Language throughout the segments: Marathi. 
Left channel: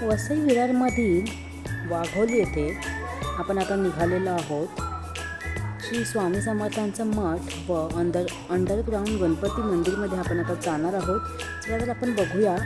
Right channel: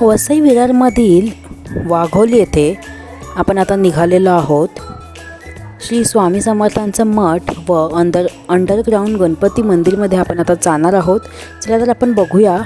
वसई विरारमधील वाघोली येथे आपण आता निघालेलो आहोत. श्री स्वामी समर्थांचं मठ व अंडरग्राऊंड गणपती मंदिरमध्ये आपण आता जाणार आहोत. चला तर आपण बघूया.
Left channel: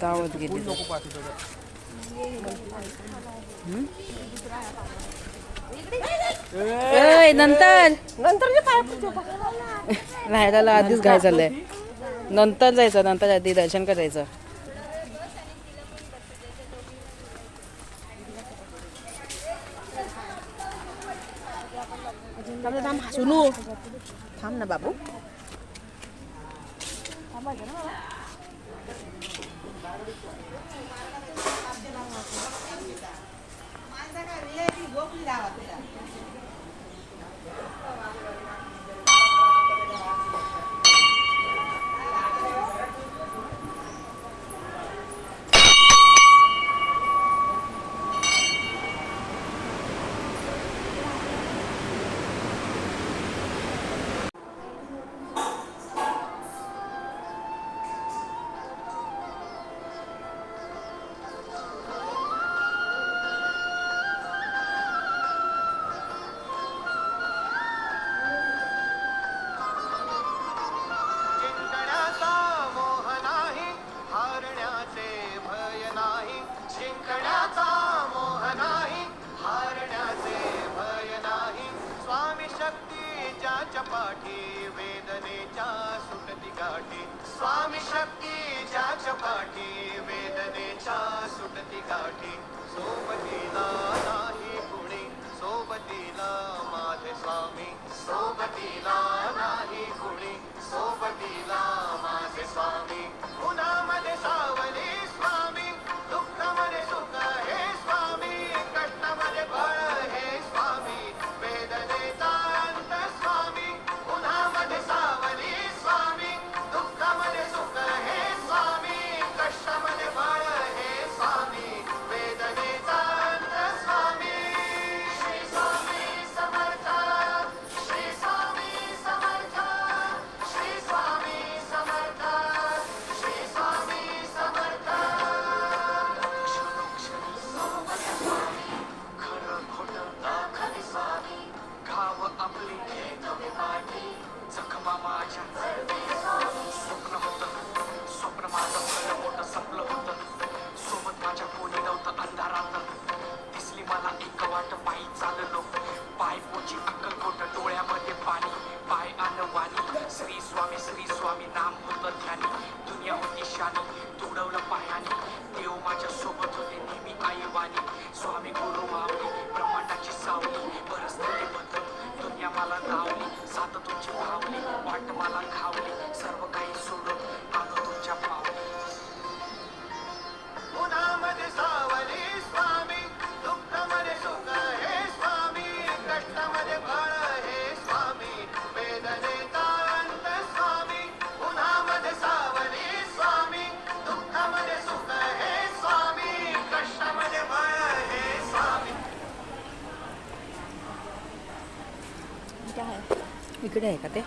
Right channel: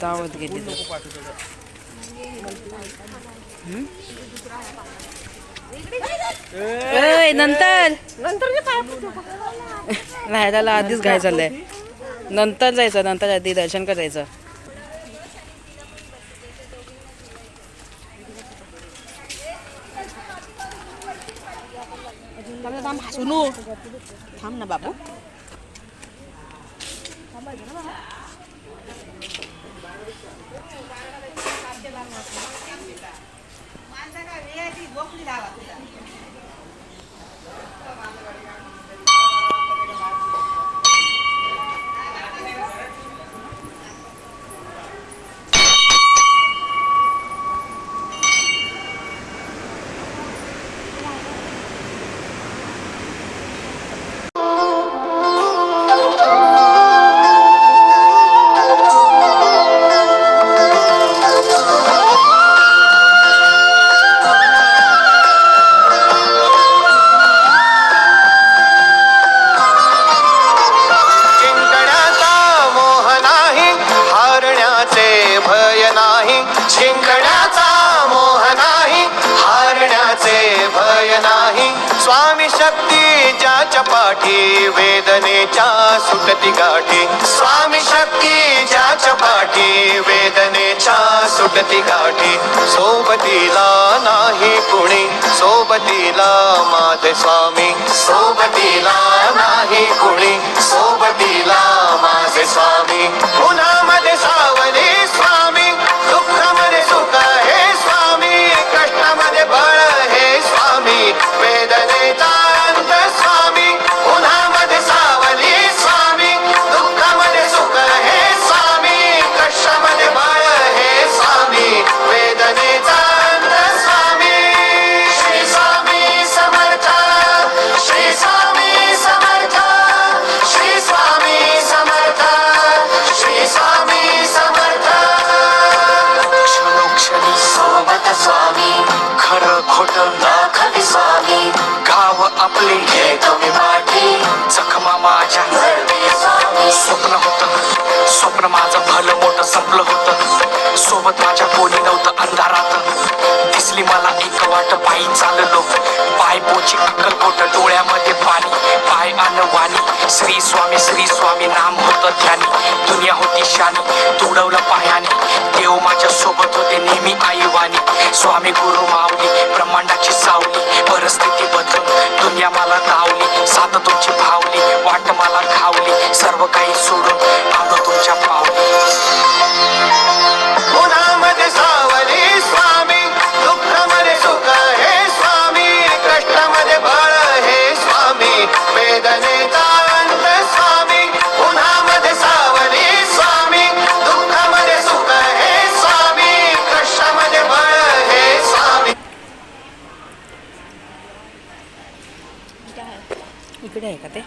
दावत गेली नंतर राहायला आधीच घाय चाललंय. नंतर जायचं, नंतर आधी दर्शन करायचं. थांब ना बाबू. शक्ती ज्याच्या पाठी वेदनेच्या सुटती गाठी. स्वामी शक्ती ज्याच्या पाठी वेदनेच्या सुटती गाठी. सोबतीला नाही कुणी, सोबतीला माझे स्वामी. सोबतीला नाही कुणी, सोबतीला माझे स्वामी. उन्हामध्ये सावली स्वामी, दुःखामध्ये सुख हे स्वामी, कष्टामध्ये बळ हे स्वामी. वेदनेचा आपले घेतो मी माठी. जखमा माझ्या स्वप्न होतं, स्वप्न माझं भलं मोठं संपलं होतं. सोबत माझ्या कोणी नव्हतं अंधारात. दिसली मला एक वाट, पायी चाललो, पाय पोची अक्कलकोट, डोळ्यामध्ये पाणी, पाय आण वाणी. श्री स्वामी नाम होतं ध्यानी. दुनिया होती शानी, तुडवलं पायाने. देव माझ्या सोबत होते नेहमी आईवानी. स्वामी गुरु माऊली, ब्रह्मांडाची सावली. परिस्थिती बदलून दुनिया मला धावली. साथ तुमची भावली, वाट मला खावली. सर्व काही सोडून आलो तुमच्या पावली. उन्हामध्ये सावली स्वामी, दुःखामध्ये सुख हे स्वामी, कष्टामध्ये बळ हे स्वामी. वेदनेचा अंत स्वामी, उन्हामध्ये सावली स्वामी, दुःखामध्ये सुख हे स्वामी, कष्टामध्ये बळ हे स्वामी. इकडे आहे का ते?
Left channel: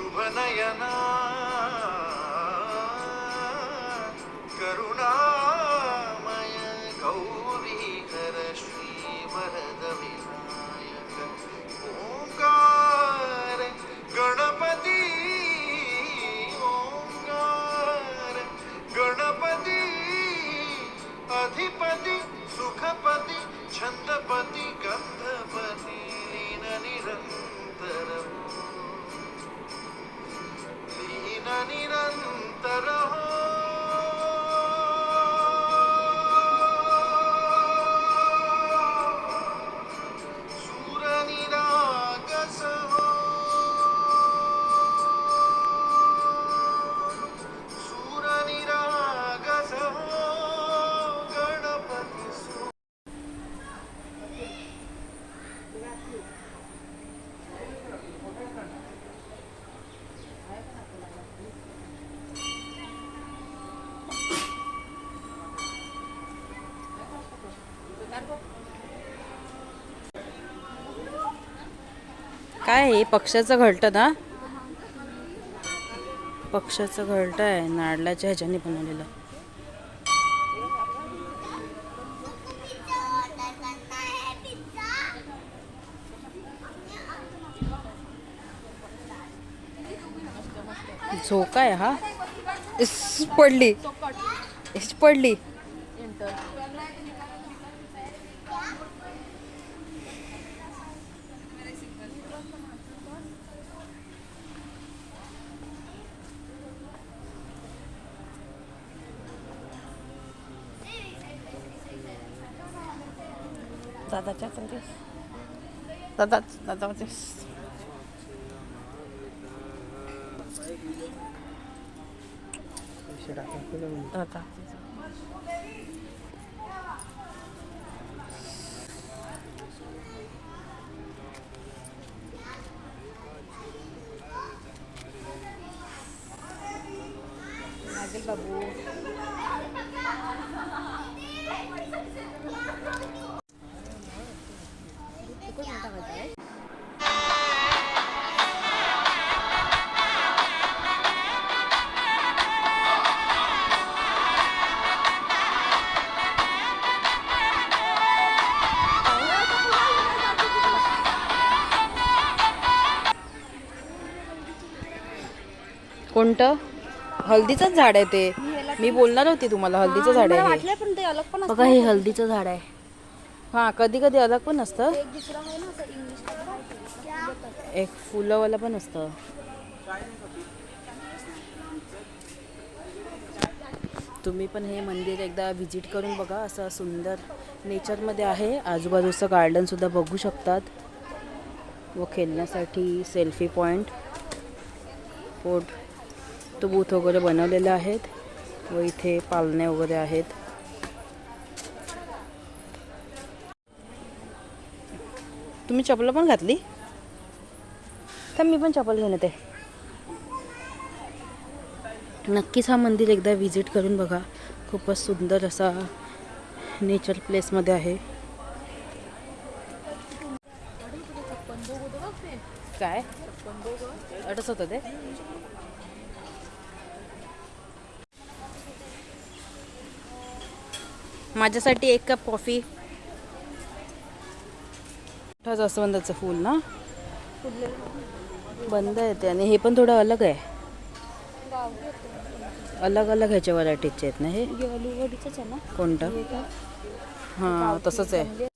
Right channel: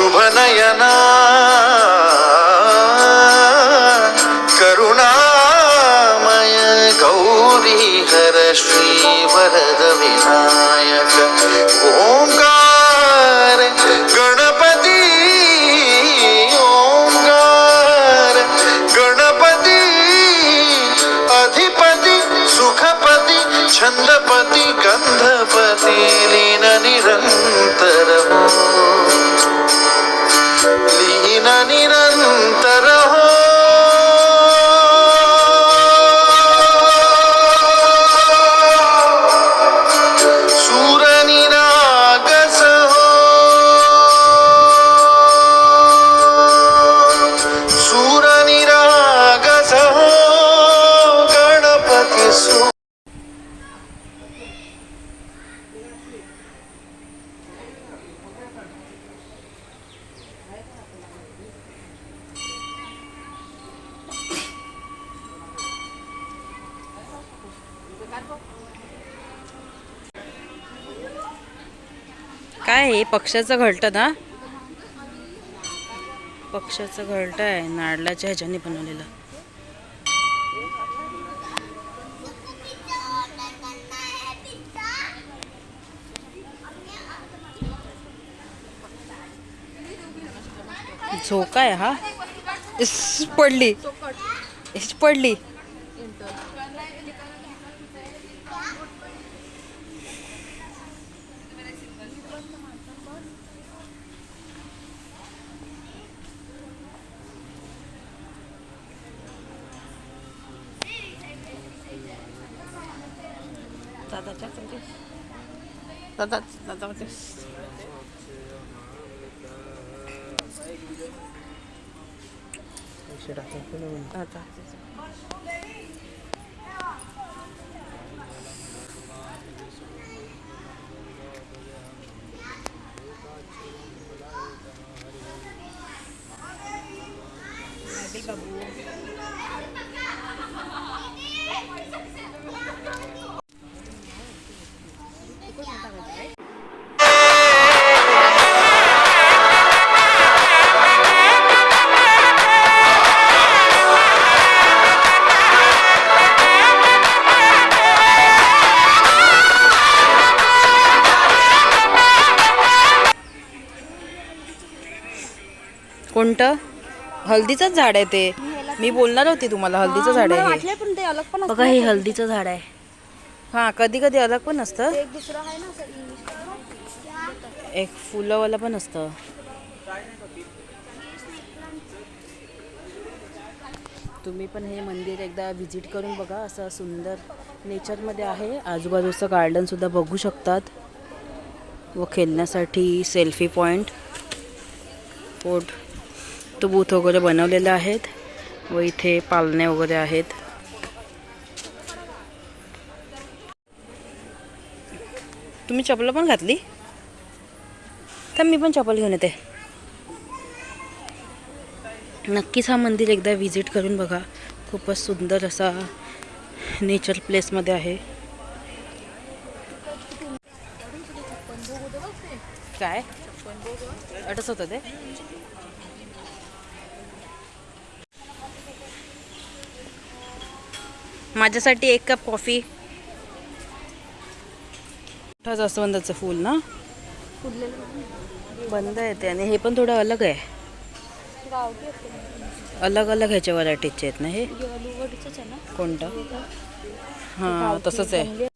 शुभ नयना करुणामय गौरी हर श्री वरद विनायक ओंकार गणपती ओंकार गणपती अधिपती सुखपती छंदपती गंधपती लीन निरंतर लीन निरंतर हो सूर निरागस हो सूर निरागस हो गणपती काय आहे पक्षाचं घरटं ना, पक्षाचं घरटं आहे नारळाच्या ह्याच्याने बनवलेलं. झोका आहे हा. पडली पडली. कोणतं? हल्दीचंच झाड आहे ते. मी बोलणार होती तुम्हाला हल्दीचं झाड आहे हे. बघा हे हल्दीचं झाड आहे. हां कधी कधी अलग पण असतं, एक फुलंवाला पण असतं. तुम्ही पण हे मंदिर एकदा व्हिजिट करून बघा. असं सुंदर नेचरमध्ये आहे. आजूबाजूचं गार्डनसुद्धा बघू शकतात व खेळण्यासाठी सेल्फी पॉईंट फोटो बूथ वगैरे बनवलेले आहेत व इथे पाळणे वगैरे आहेत. तुम्ही चप्पल पण घातली तर मी पण चप्पल घेऊन येते. नक्कीच हा मंदिर एकदा व्हिजिट करून बघा. खूपच सुंदर असा नेचर प्लेसमध्ये आहे. काय अटस होतं ते. माझ्यासाठी एक कप कॉफी. जास्वंदाचं फूल ना बंद आहे ते, आणि हे पण थोडं अलग आहे. अलग अलग ह्याच्या व्हरायटीचे आहेत ना हे. कोणतं? हां तसंच आहे.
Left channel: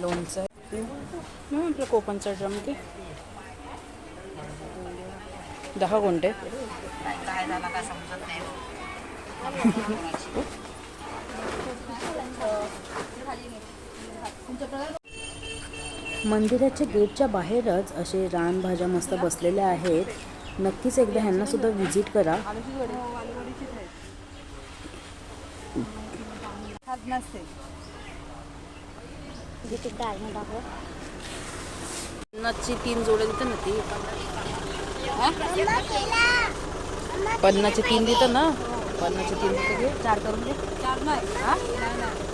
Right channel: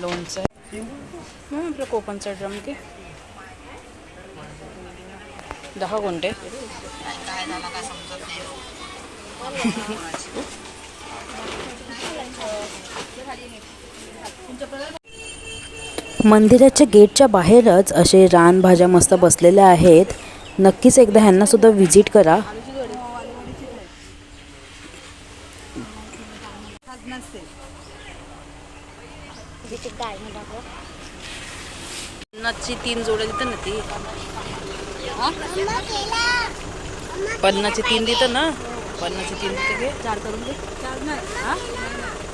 लोणचं आहे आपलं कोकणचा ड्रम ते 10 कोणते. मंदिराच्या गेटच्या बाहेरच असे रानभाज्या मस्त बसलेल्या आहेत. नक्कीच एकदा ह्यांना सुद्धा व्हिजिट करा. पन्नासची 3 जोड्या देतं ना ती. 50ची 3 देतं ना. पन्नासचे 3 रुपये घे 4 करून दे. 4 नाही.